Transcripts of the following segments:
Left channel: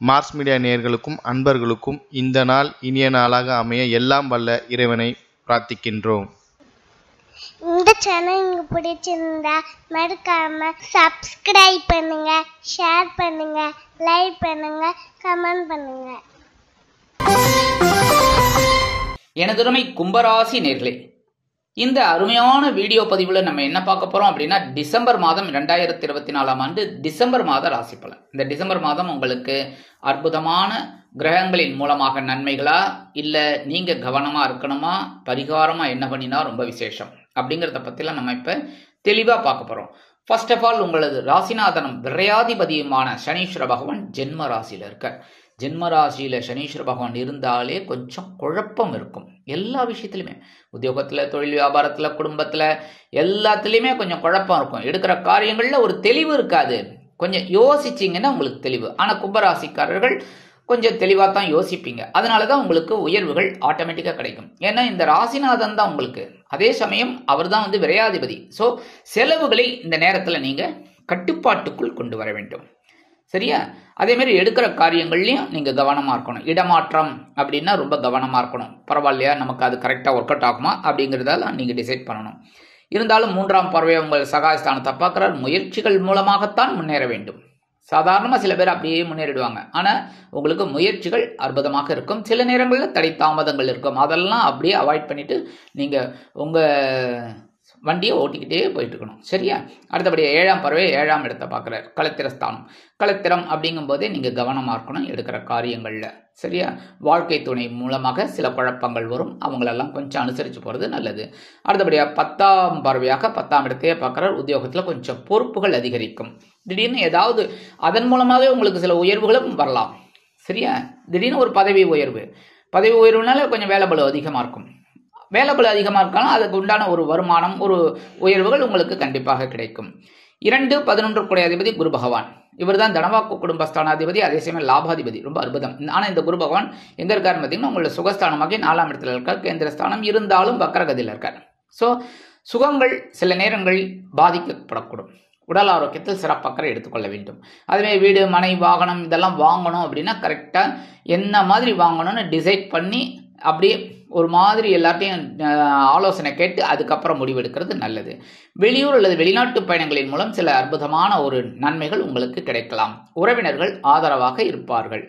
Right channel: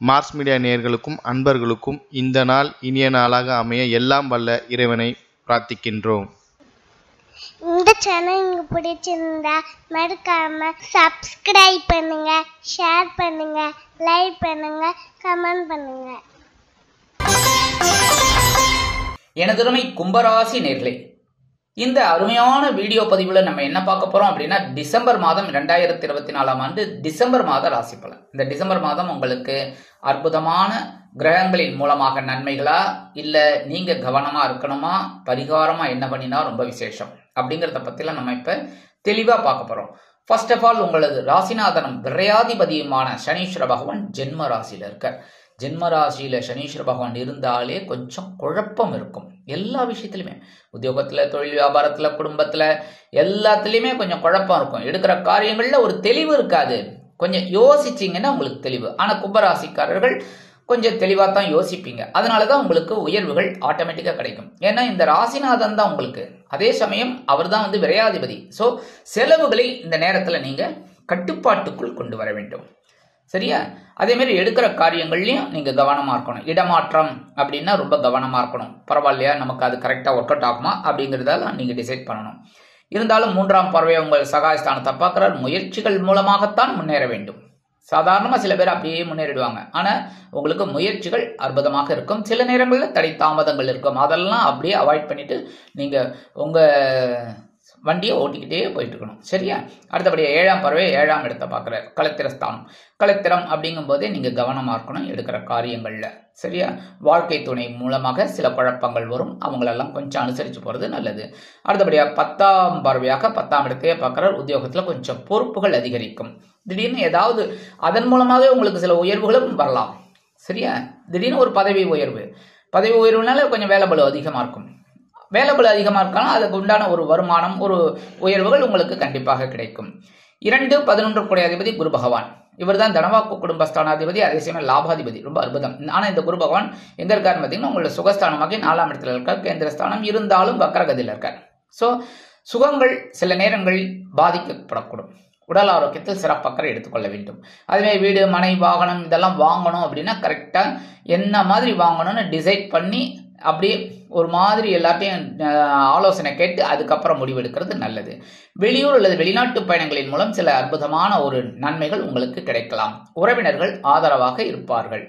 Mars media நேயர்களுக்கும் அன்பர்களுக்கும் இந்த நாள் இனிய நாளாக அமைய எல்லாம் வல்ல இறைவனை பிரார்த்திக்கின்றோம். இந்த சேனல் உங்களுக்கு பிடிச்சிருந்தா மறக்காம சப்ஸ்கிரைப் பண்ணுங்க, ஷேர் பண்ணுங்க, லைக் பண்ணுங்க, கமெண்ட் பண்ணுங்க. எனதருமை கும்பராசி நேர்களே, இந்த அருமையான வீடியோ பதிவுல நம்ம என்ன பார்க்க போறோம் அப்படின்னா, டிசம்பர் மாதம் 2024ஆம் ஆண்டு டிசம்பர் மாத ராசி பலன். இந்த டிசம்பர் மாதம் உங்களுக்கு அற்புதமான கிரகங்களின் மூலமாக நன்மைகளா, இல்ல நீங்க கவனமா இருக்கணுமா, பரிகாரமா என்ன பண்ணினா ரொம்ப விசேஷம் அப்படிங்கறத பத்திலாம் நம்ம இப்ப தெளிவா பார்க்க போறோம். ஃபர்ஸ்ட் ஆஃப் ஆல், உங்களது ராசிநாதனும் விரையாதிபதியுமான சனீஸ்வர பகவான் ஜென்ம ராசியில இருக்க. ஜென்ம ராசியில சனீஸ்வர பகவான் இருந்தாலே கொஞ்சம் குழப்பம் இருக்கும். எல்லா விஷயத்திலுமே, உத்தியோகத்துல, தொழில் வியாபாரத்துல, குடும்பத்துல, எல்லாத்துலயுமே கொஞ்சம் குழப்பம் இருக்கும். எடுக்கிற காரியங்கள்ல ஒரு தெளிவு இருக்காது. கொஞ்சம் யோசிச்சீங்கன்னா உங்களுக்கு தெளிவு. ஆனா கும்பராசிக்காரர்கள் கொஞ்சம் தெளிவா தான் யோசிப்பீங்க. அதனாலதான் உங்களுக்கு உயர்வுகள் ஆட்டோமேட்டிக்கா கிடைக்கும். ஏன்னா இந்த ராசிநாதன் தான் உங்களுக்கு. அதே சமயம் அவர் தான் விரையாதிபதி. சோ செலவுகளை இந்த நேரத்துல நீங்க கட்டுப்பாட்டுக்குள் கொண்டு வர வேண்டும். சரியா? அதே மாதிரி எடுக்கிற காரியங்கள்லயும் நீங்க கவனமா இருக்கணும். இடமாற்றம் அப்படின்னா ரொம்ப கவனமா இருக்கணும். பரவாயில்லையா, நமக்கு அது கரெக்டா ஒர்க் அவுட் ஆகுமா அப்படிங்கறதால நீங்க டிசைட் பண்ணணும். இருந்தாலும் 3ஆம் பார்வையை உங்கள் சகாயஸ்தானத்தை பார்க்கிறார். முயற்சிகள் மூலமாகத்தான் முன்னேற வேண்டும். சாதாரணமா சில பேர் அப்படியே முன்னேறிடுவாங்க. ஆனா உங்களுக்கு முயற்சிகள் அற்புதமாக இருக்கும். சில நேரங்களில் தடை தாமதங்கள் இருக்கும். அதெல்லாம் அப்படியே அவாய்ட் பண்ணிட்டு நீங்க உங்க வண்டியை ஓட்டிக்கிட்டே போயிட்டு இருக்கணும். சரியா? அடுத்தபடியா 7ஆம் பார்வை 7ஆம் இடத்தை பார்க்கிறார். களத்திரஸ்தானம். களத்திரம் அப்படிங்கும் போதே நீங்க கவனமா இருக்கணும் எடுக்கிற காரியங்கள்ல. சரியா? வாழ்க்கை துணை மூலமாக சில குழப்பங்கள் வரும். அவங்களெல்லாம் கொஞ்சம் அனுசரிச்சு போறது நல்லது. அடுத்தபடியா 10ஆம் பார்வையாக 10ஆம் இடத்தையே பார்க்கிறார். உத்தியோகத்துல கொஞ்சம் பொறுப்புகள் அதிகரிக்கும். திடீர்னு ஏதாவது அதன் மூலமாகவே உங்களுக்கு சில உயர்வுகளும் வரலாம். சரியா? திடீர்னு ஒரு பதவி உயர்வுனால கொஞ்சம் வேலைபளு அதிகமா இருக்கும். வேலைபளு அதிகமா இருக்காலும் அதுக்கு உண்டான ஒரு வருமானம், ஒரு உயர்வுகள் உங்களுக்கு கண்டிப்பாக கிடைக்கும். 2-11 கூடிய அதிபதி குரு பகவான். இவர் தான் தனவாக்கு குடும்பஸ்தானாதிபதி, அதே சமயம் லாபாதிபதி. ரொம்ப அற்புதம். ஆனா இந்த குரு பகவான் எங்க இருக்காருன்னு பார்த்தீங்கன்னா, உங்களோட சுகஸ்தானமாக 4ஆம் இடத்துல இருக்கார். கேந்திரஸ்தானம் இருந்தாலும் வக்கரகதியில் இருக்கார். சோ சுகங்கள் சில நேரங்களில் பாதிக்கப்படக்கூடும். உடல் ஆரோக்கியத்தில் சிறப்பாக எடுத்துக்கொள்ள வேண்டும். அதுவே வீடு, மனை, வாகனம் இதெல்லாம் வாங்கணும் அப்படின்னா கரெக்டா என்ன மாதிரி வாங்கணும்னு டிசைட் பண்ணி அப்படியே ஒரு மாதிரி எல்லாத்தையும் ஆலோசனை கேட்டு அதுக்கப்புறம் முடிவெடுக்கிறது நல்லது. வெளியூர் அல்லது வெளிநாட்டு பயணங்களின் மூலம் சில அற்புதமான ஒரு நன்மைகள் உங்களுக்கு கிடைக்கலாம். உறவினர்கள் ஆதரவாக இருப்பார்கள்.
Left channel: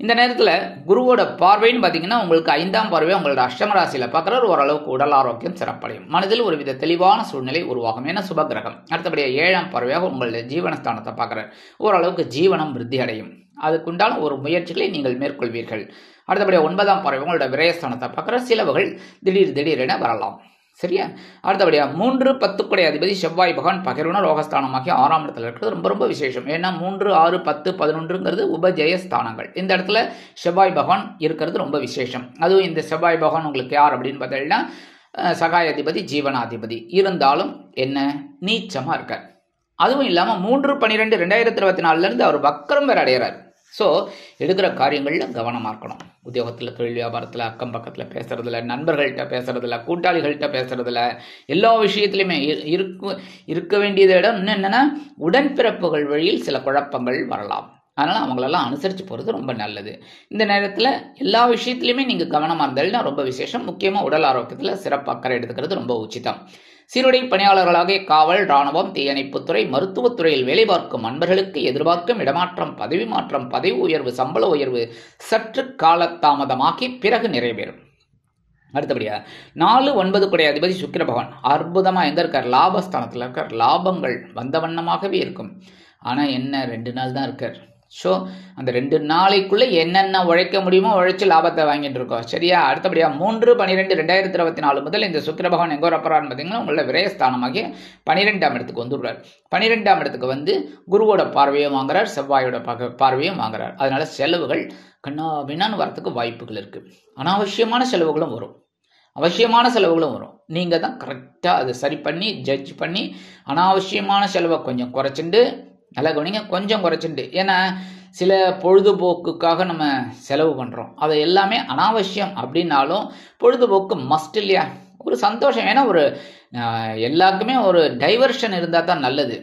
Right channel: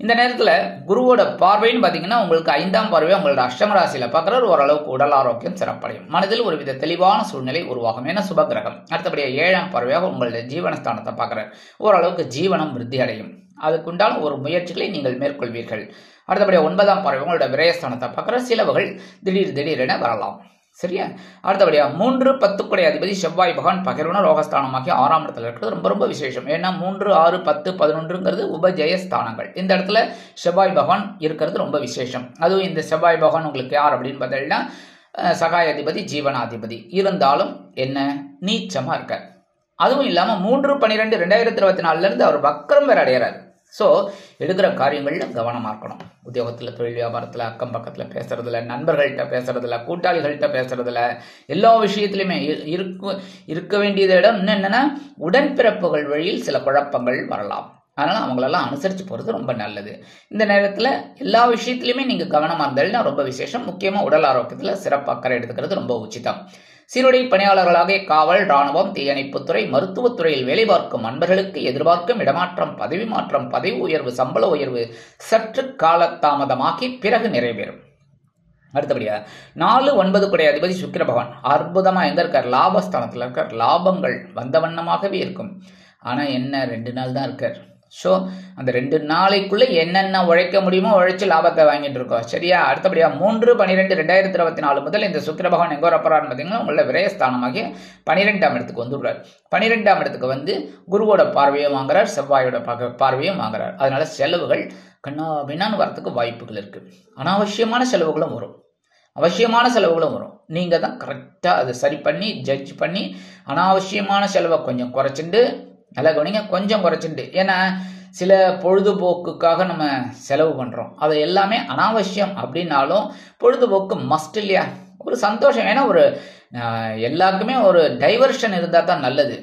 இந்த நேரத்துல குருவோட பார்வைன்னு பாத்தீங்கன்னா, உங்களுக்கு 5ஆம் பார்வை உங்களோட அஷ்டம ராசியில பார்க்கிறார். ஓரளவுக்கு உடல் ஆரோக்கியம் சிறப்படையும். மனதில் ஒருவித தெளிவான சூழ்நிலை உருவாகும். ஏன்னா சுபகிரகம். அடுத்தபடியா 7ஆம் பார்வையாக உங்களுடைய ஜீவனஸ்தானத்தை பார்க்கிறார். ஓரளவுக்கு ஜீவனம் விருத்தி அடையும். அதுக்குண்டான ஒரு முயற்சிகளை நீங்கள் மேற்கொள்வீர்கள். அடுத்தபடியா 9ஆம் பார்வை உங்களோட விரயஸ்தானத்தை பார்க்கிற. செலவுகள் திடீரென வரலாம். சரியா? அடுத்தபடியா 3-10 கூடிய அதிபதி செவ்வாய் பகவான் பகிர்வுன ரோகஸ்தானமாகி 6ஆம் இடத்துல இருக்கிறது ரொம்ப ரொம்ப விசேஷம். ஏன்னா 3, 6, 10, 11ங்கிறது உபஜயஸ்தானங்கள். இந்த இடத்துல செவ்வாய் பகவான் இருக்கிறது ரொம்ப விசேஷம். அதுவும் இந்த செவ்வாய் பகவான் உங்களுக்கு யார் அப்படின்னு பார்த்தீங்கன்னா, சகாயாதிபதி, ஜீவனாதிபதி. இருந்தாலும் என்ன, நீச்சமா இருக்க. அதுவும் இல்லாம 3-12-2024 இருந்து அவர் வக்கரம் வேற அடைகிறார். சோ எடுக்கிற காரியங்கள்ல கவனமா இருக்கணும். உத்தியோகத்துல, தொழில் வியாபாரத்துல, அக்கம் பக்கத்துல பேசுறதுல, நண்பர்கள்ட்ட பேசுறதுல, கூட்டாளிகள்கிட்ட பேசுறதுல, எல்லா விஷயத்திலுமே இருக்க வேண்டியதை விட இன்னும் என்னன்னா, உடன்பிறப்புகள் வழியில் சில குழப்பங்கள் வரலாம். அதனால அவங்களெல்லாம் அனுசரிச்சு போறது ரொம்ப நல்லது. இந்த நேரத்துல எல்லா விஷயத்திலுமே நீங்க கவனமா இருந்தாலும் ரொம்ப விசேஷம். முக்கியமா உடல் ஆரோக்கியத்துல சிறப்பு அக்கறை எடுத்துக்கிறது ரொம்ப உச்சிதம். சீருடை பணியாளர்களாக காவல், ராணுவம், தீயணைப்புத்துறை, மருத்துவத்துறையில் வேலை பார்க்கும் அன்பர்களுக்கு எதிர்பார்க்கும் இடமாற்றம், பதவி மாற்றம், பதவி உயர்வு, சம்பள உயர்வு சற்று காலதாமதமாகி பிறகு நிறைவேறும். அடுத்தபடியா 4-9 கூடிய அதிபதி சுக்கிர பகவான் அற்புதமா எங்க இருக்கார்? லாபஸ்தானத்துல இருக்கார். லாபங்கள் வந்த வண்ணமாகவே இருக்கும். ஆனா என்ன, 2 நாள் தான் இருக்கார். ஸோ அந்த 2 நாளைக்குள்ள என்னென்ன உழைக்க முடியுமோ உழைச்சு லாபத்தை வாங்கிட்டு இருக்கோம். சரியா? அடுத்தபடியா 3-12-2024 முதல் இந்த சுக்கிர பகவான் எங்க வரப்போறான்னு பார்த்தீங்கன்னா, உங்களோட விரயஸ்தானமாகி 12ஆம் இடத்துக்கு வந்துடுறார். 12ஆம் இடத்துக்கு குருவோட பார்வையும் வாங்குறார், செவ்வாயோட பார்வையும் வாங்குறார். அதனால செலவுகள் கண்ணாபின்னான்னு வரத்துக்கு வாய்ப்புகள் இருக்கு. அனாவசியமான செலவுகளும் வரும், அவசியமான செலவுகளும் வரும். நீங்க தான் கரெக்டா அதை சரி பண்ணி ஜட்ஜ் பண்ணி அனாவசியமான செலவை கொஞ்சம் குறைச்சிட்டு, நல்லா கவனிங்க, கொஞ்சம் குறைச்சிட்டு. ஏன்னா சில பொழுதுபோக்குக்காக நம்ம செலவு பண்றோம். அது எல்லாமே அனாவசியம் அப்படின்னாலும் பொழுதுபோக்கு மஸ்ட் இல்லையா? ஒரு சந்தோஷம். ஏன்னா ஒரு எல்லாருக்குமே ஒரு டைவர்ஷன் இருந்தா தான் நல்லது.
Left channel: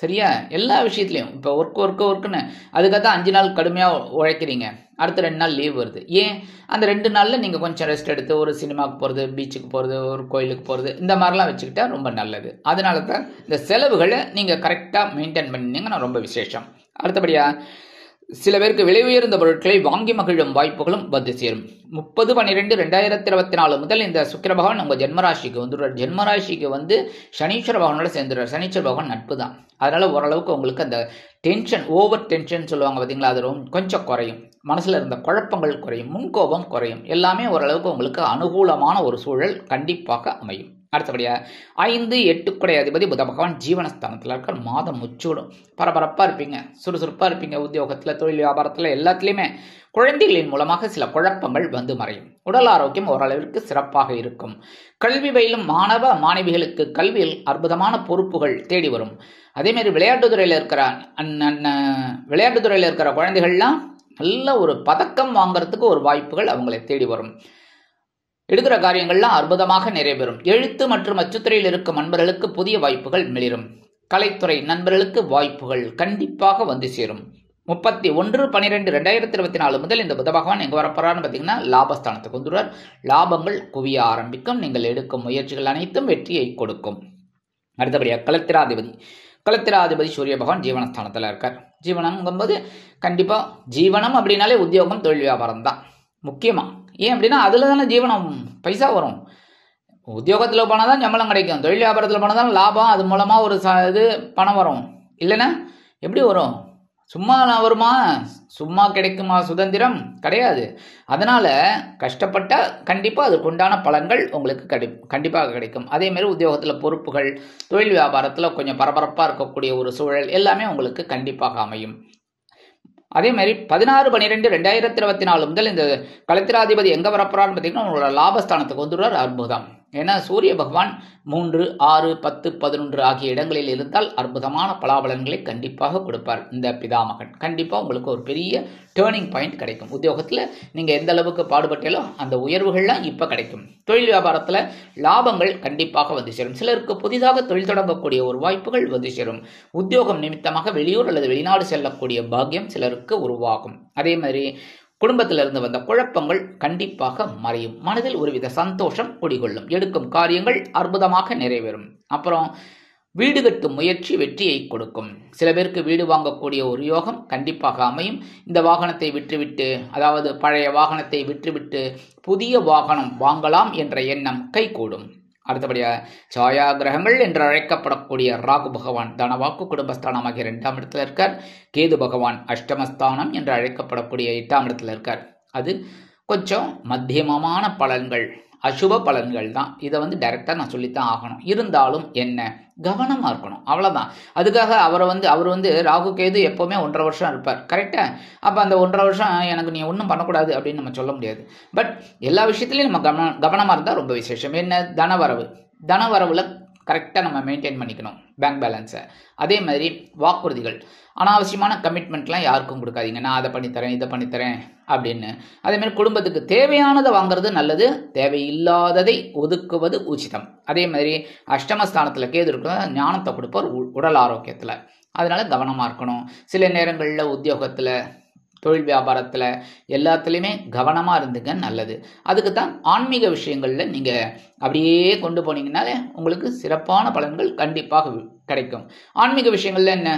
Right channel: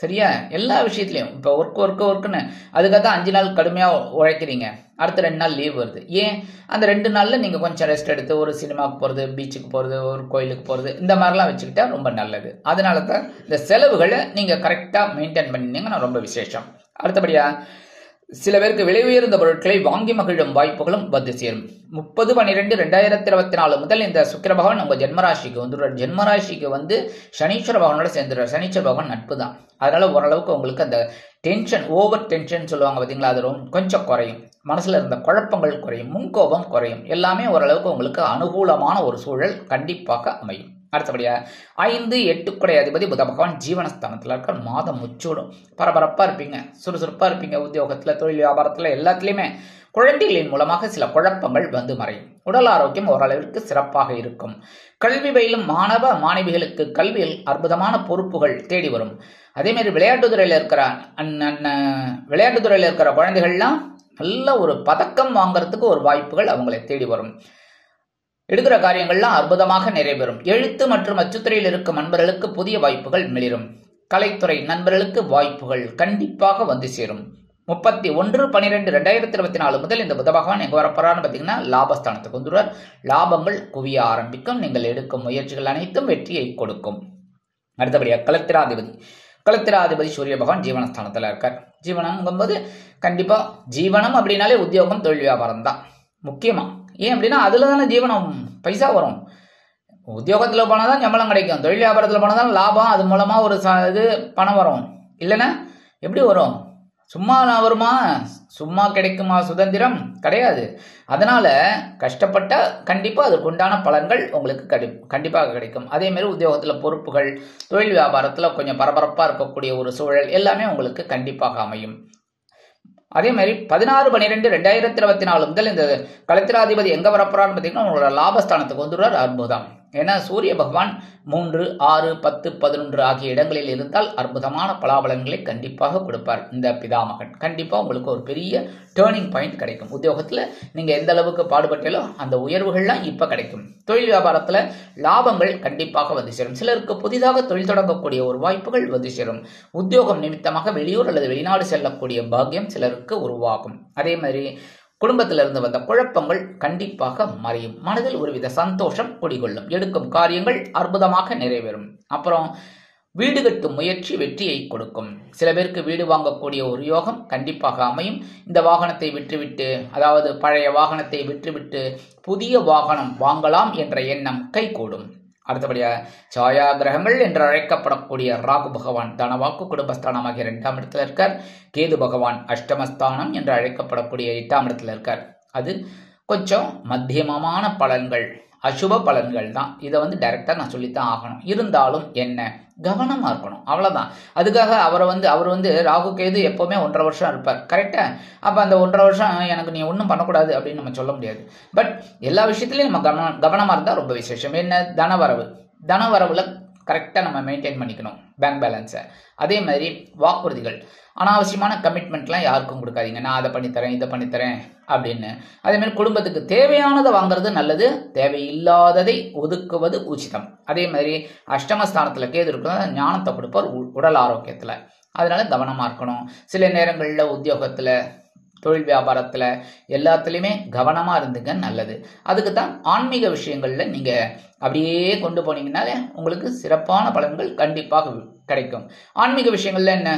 சரியா? எல்லா விஷயத்துலையும் இப்போ ஒர்க்குன்னு அதுக்காக தான் 5 நாள் கடுமையாக உழைக்கிறீங்க, அடுத்த 2 நாள் லீவ் வருது. ஏன்? அந்த 2 நாளில் நீங்கள் கொஞ்சம் ரெஸ்ட் எடுத்து ஒரு சினிமாவுக்கு போகிறது, பீச்சுக்கு போகிறது, ஒரு கோயிலுக்கு போகிறது, இந்த மாதிரிலாம் வச்சுக்கிட்டா ரொம்ப நல்லது. அதனால தான் இந்த செலவுகளை நீங்கள் கரெக்டாக மெயின்டைன் பண்ணிங்கன்னா ரொம்ப விசேஷம். அடுத்தபடியாக சில பேருக்கு விலை உயர்ந்த பொருட்களை வாங்கி மகிழும் வாய்ப்புகளும் வந்து சேரும். 30/12/2024 முதல் இந்த சுக்கிர பகவான் உங்கள் ஜென்மராசிக்கு வந்துடுறார். ஜென்மராசிக்கு வந்து சனீஸ்வர பகவானோட சேர்ந்துடுறார். சனீஸ்வர பகவான் நட்பு தான். அதனால ஓரளவுக்கு உங்களுக்கு அந்த டென்ஷன், ஓவர் டென்ஷன் சொல்லுவாங்க பார்த்தீங்களா, அது கொஞ்சம் குறையும். மனசில் இருந்த குழப்பங்கள் குறையும், முன்கோபம் குறையும். எல்லாமே ஓரளவுக்கு உங்களுக்கு அனுகூலமான ஒரு சூழல் கண்டிப்பாக அமையும். அடுத்தபடியாக 5, 8 குடை அதிபதி புத பகவான் ஜீவனஸ்தானத்தில் இருக்கிற மாதம் முச்சூடும். பரபரப்பாக இருப்பீங்க, சுறுசுறுப்பாக இருப்பீங்க. உத்தியோகத்தில், தொழில் வியாபாரத்தில் எல்லாத்துலேயுமே குழந்தைகளின் மூலமாக சில குழப்பங்கள் வந்து மறையும். உடல் ஆரோக்கியம் ஓரளவிற்கு சிறப்பாக இருக்கும். கல்வி பயிலும் மாணவ மாணவிகளுக்கு கல்வியில் அற்புதமான பொறுப்புகள் தேடி வரும். அதேமாரி விளையாட்டுத்துறையில் இருக்கிற குழந்தைகள்லாம் நல்ல ஒரு பதக்கம் வாங்கறதுக்கு ஒரு வாய்ப்புகள் அவங்களை தேடி வரும். எடுக்கிற காரியங்கள்லாம் அற்புதமாக நிறைவேறும். எழுத்து மற்றும் அச்சுத்துறையில் இருக்கும் நண்பர்களுக்கு புதிய வாய்ப்புகள் மிளிரும். கலைத்துறை நண்பர்களுக்கு வாய்ப்புகள் கண்டிப்பாக வந்து சேரும். 31/12/2024 முதல் இந்த புத பகவான் எங்க வரப்போறான்னு பார்த்தீங்கன்னா லாபஸ்தானத்துக்கு வந்துடுவார். லாபங்கள் குவிய ஆரம்பிக்கும். நீங்கள் எடுக்கும் முயற்சிகள் அனைத்தும் வெற்றியை கொடுக்கும். அடுத்தபடியாக களத்திராதிபதி சூரிய பகவான் ஜீவனஸ்தானத்தில் இருக்கார். ஜீவனம்ங்கும்போது கண்டிப்பா ஜீவனம் அப்படின்னாலே உத்தியோகம், தொழில், வியாபாரம் தான் முக்கியமா. ஏன் அப்படின்னா அதுல தானே ஜீவனம், பைசா வரும். உத்தியோகத்தில் போனால் தான் சம்பளம் கிடைக்கும், தொழில் வியாபாரத்தில் போனால் தான் லாபம், அது மூலமா ஒரு பணம் வரும். இல்லைன்னா எப்படி வரும்? சும்மா வருமா? சும்மா கிடைக்குமா சுதந்திரம்? கிடையாது. அதனால கஷ்டப்பட்ட கண்டிப்பாக அதுக்குண்டான பலன்கள் உங்களுக்கு கண்டிப்பாக கிடைக்கும். அதே மாதிரி உத்தியோகத்தில் பொறுப்புகள், தொழில் வியாபாரத்தில் கொஞ்சம் பரபரப்பாக இருக்கக்கூடிய ஒரு சூழல் எல்லாமே உங்களுக்கு கண்டிப்பாக அமையும். அதே மாதிரி 16/12/2024 முதல் இந்த களத்திராதிபதி எங்க வரப்போறான்னு பார்த்தீங்கன்னா உங்களோட லாபஸ்தானத்துக்கு வந்துடுறார். அற்புதம். ஏன்னா சூரிய பகவான் 3, 6, 10, 11 ஆகிய இடங்களில் இருந்தால் அற்புதமான பலாபலன்களை கண்டிப்பாக கொடுப்பார். இந்த பிதாமகன் கண்டிப்பா உங்களுக்கு ஒரு பெரிய டேர்னிங் பாயிண்ட் கிடைக்கும். உத்தியோகத்துல நீங்க எந்த அளவுக்கு பாடுபட்டாலோ அந்த உயர்வுகள்லாம் இப்ப கிடைக்கும். தொழில் வியாபாரத்துல லாபங்கள் கண்டிப்பாக வந்து சேரும். சிலருக்கு புதிதாக தொழில் தொடங்கக்கூடிய ஒரு வாய்ப்புகள் வந்து சேரும். உத்தியோகம் நிமித்தமாக வெளியூர் அல்லது வெளிநாடு செல்லக்கூடிய பாக்கியம் சிலருக்கு உருவாகும். அதே மாதிரி குடும்பத்திலிருந்து வந்த குழப்பங்கள் கண்டிப்பாக மறையும். மனதில் ஒருவித சந்தோஷம் குடிகொள்ளும். எடுக்கும் காரியங்கள் அற்புதமாக நிறைவேறும். அப்புறம் வீடு கட்டும் முயற்சி வெற்றியை கொடுக்கும். சில பேருக்கு வீடு வாங்கக்கூடிய ஒரு யோகம் கண்டிப்பாக அமையும். இந்த வாகனத்தை விற்றுவிட்டு, அதாவது பழைய வாகனத்தை விற்றுவிட்டு புதிய வாகனம் வாங்கலாம் என்ற எண்ணம் கைகூடும். அடுத்தபடியாக சாயா கிரகங்கள் என்று அழைக்கப்படக்கூடிய ராகு பகவான் தனவாக்கு குடும்பஸ்தானமாகிய 2ஆம் இடத்துல இருக்கார். கேது பகவான் அஷ்டமஸ்தானம் என்று அழைக்கப்படக்கூடிய 8ஆம் இடத்துல இருக்கார். அது கொஞ்சம் மத்தியமமான பலன்கள், அசுப பலன்கள் தான். இதை டைரக்டா நான் சொல்லித்தான் ஆகணும். இருந்தாலும் என்ன, கவனமா இருக்கணும், அவ்வளவுதான். அதுக்காக அவர் ராகு கேது எப்பவுமே 1.5 வருஷம் இருப்பார், கரெக்டா? அப்ப அந்த 1.5 வருஷம் எனக்கு நீ ஒன்றும் பண்ணக்கூடாது அப்படின்னு நம்ம சொல்ல முடியாது. பட் எல்லா விஷயத்திலையும் நம்ம கவனமா இருந்தா ரொம்ப விசேஷம். என்ன, தனவரவுல கரெக்டா நம்ம மெயின்டைன் பண்ணிக்கணும் பேங்க் பேலன்ஸை. அதே மாதிரி வாக்குறுதிகள், அனாவசியமான கமிட்மெண்ட்லாம் யாருக்கும் கொடுக்காதீங்க. நான் அதை பண்ணித்தரேன், இதை பண்ணித்தரேன் அப்படின்னு. அதே மாதிரி குடும்பத்துக்கு தேவையானதை வாங்குறது நல்லது, தேவையில்லாததை ஒதுக்குவது உச்சிதம். அதே மாதிரி அஷ்டமஸ்தானத்துல கேது இருக்கிறது ஞானத்தை கொடுப்பார் உடல் ஆரோக்கியத்துல. அதனால கவனமா இருக்கணும். சில நேரங்களில் உத்தியோகத்துல, தொழில் வியாபாரத்துல எல்லாத்துலேயுமே கவனமா இருந்துங்க, நல்லது. அதுக்கு தான் ஆன்மீக விஷயங்கள்ல நீங்க அப்படியே கொண்டு போனீங்கன்னாலே உங்களுக்கு சிறப்பான பலன்கள் கண்டிப்பாக கிடைக்கும். ஆன்மீக விஷயங்கள்ல என்ன,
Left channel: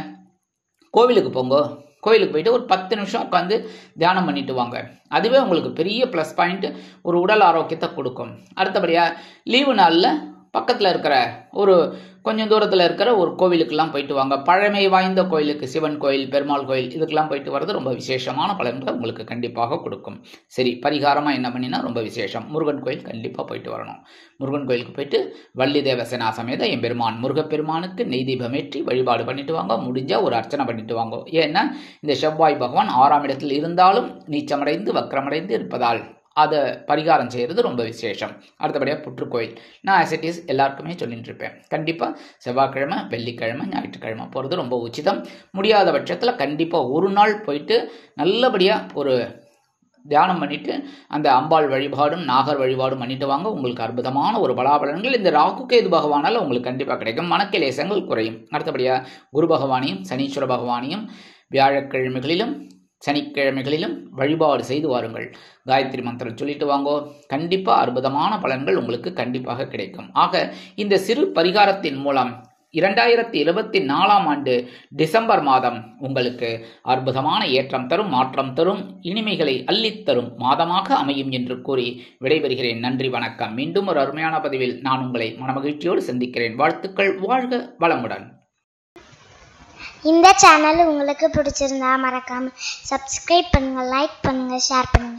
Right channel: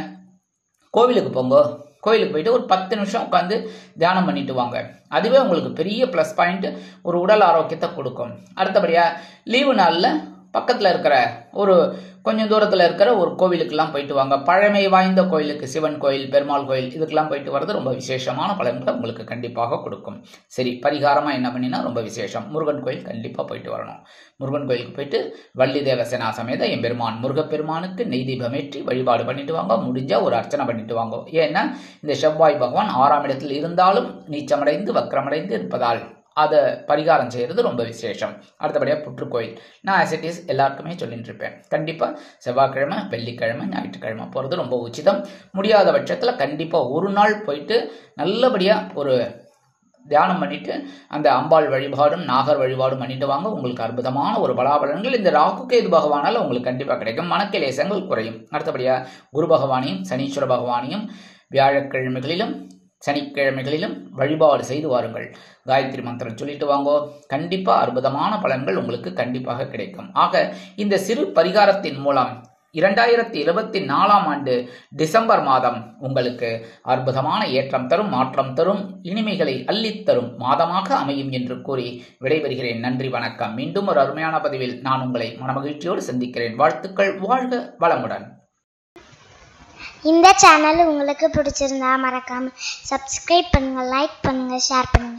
கோவிலுக்கு போங்க. கோயிலுக்கு போயிட்டு ஒரு 10 நிமிஷம் உட்காந்து தியானம் பண்ணிட்டு வாங்க. அதுவே உங்களுக்கு பெரிய ப்ளஸ் பாயிண்ட், ஒரு உடல் ஆரோக்கியத்தை கொடுக்கும். அடுத்தபடியாக லீவு நாளில் பக்கத்தில் இருக்கிற ஒரு கொஞ்சம் தூரத்தில் இருக்கிற ஒரு கோவிலுக்கெல்லாம் போயிட்டு வாங்க. பழமை வாய்ந்த கோயிலுக்கு, சிவன் கோயில், பெருமாள் கோயில், இதுக்கெல்லாம் போயிட்டு வர்றது ரொம்ப விசேஷமான பலன்களை உங்களுக்கு கண்டிப்பாக கொடுக்கும். சரி, பரிகாரமாக என்ன பண்ணினா ரொம்ப விசேஷம், முருகன் கோயில் கண்டிப்பாக போயிட்டு வரணும். முருகன் கோயிலுக்கு போயிட்டு வள்ளி தேவசேனா சமேத எம்பெருமான் முருகப்பெருமானுக்கு நெய் தீபம் ஏற்றி வழிபாடு பண்ணிட்டு வாங்க. முடிஞ்சா ஒரு அர்ச்சனை பண்ணிட்டு வாங்க. ஏன்னா இந்த செவ்வாய் பகவான் 6ஆம் இடத்தில் இருந்தாலும் நீச்சமடைந்து வக்ரமடைந்து இருப்பதால் அதை பரிகாரம் செய்கிறது ரொம்ப விசேஷம். அடுத்தபடியாக புற்றுக்கோயில், நான் ஆசிட்டிஸ் எல்லாருக்குமே சொல்லிட்டு இருப்பேன். கண்டிப்பாக செவ்வாய்க்கிழமை, வெள்ளிக்கிழமை, ஞாயிற்றுக்கிழமை போகிறது ரொம்ப உச்சிதம். முடியாத பட்சத்தில் கண்டிப்பாக ஒரு நாள் போயிட்டு நல்லபடியாக ஒரு தியானம் பண்ணிட்டு அந்த அம்பாள் வழிபாடும் நாகர் வழிபாடும் பண்ணிட்டு வாங்க. உங்களுக்கு அற்புதமான ஒரு பலாபலன்கள் இந்த ராகு கேது பகவானால உங்களுக்கு கண்டிப்பாக கிடைக்கும். மனக்கிலேசங்கள் குறையும். அடுத்தபடியாக குரு பகவானையும் சனீஸ்வர பகவானையும் வியாழக்கிழமைகளிலும் சனிக்கிழமைகளிலும் வழிபாடு செய்து வாருங்கள். காயத்ரி மந்திரம் சொல்லிட்டு வாங்கோ. கண்டிப்பாக அற்புதமான பலன்கள் உங்களுக்கு கண்டிப்பாக கிடைக்கும். ஆக இந்த சிறு பரிகாரத்தின் மூலம் 2024ஆம் ஆண்டு டிசம்பர் மாதம் உங்களுக்கு அற்புதமான ஏற்றம் தரும், மாற்றம் தரும், இனிமைகளை அள்ளித்தரும் மாதமாக அமையும் என்று கூறி விடைபெறுகிறேன். நன்றி, வணக்கம். மீண்டும் ஒரு அருமையான பதிவில் நான் உங்களை மனமகிழ்ச்சியோடு சந்திக்கிறேன். வாழ்த்துக்கள். வாழ்க வளமுடன். இந்த சேனல் உங்களுக்கு பிடிச்சிருந்தா மறக்காம சப்ஸ்கிரைப் பண்ணுங்க, லைக் பண்ணுங்க, ஷேர் பண்ணுங்க.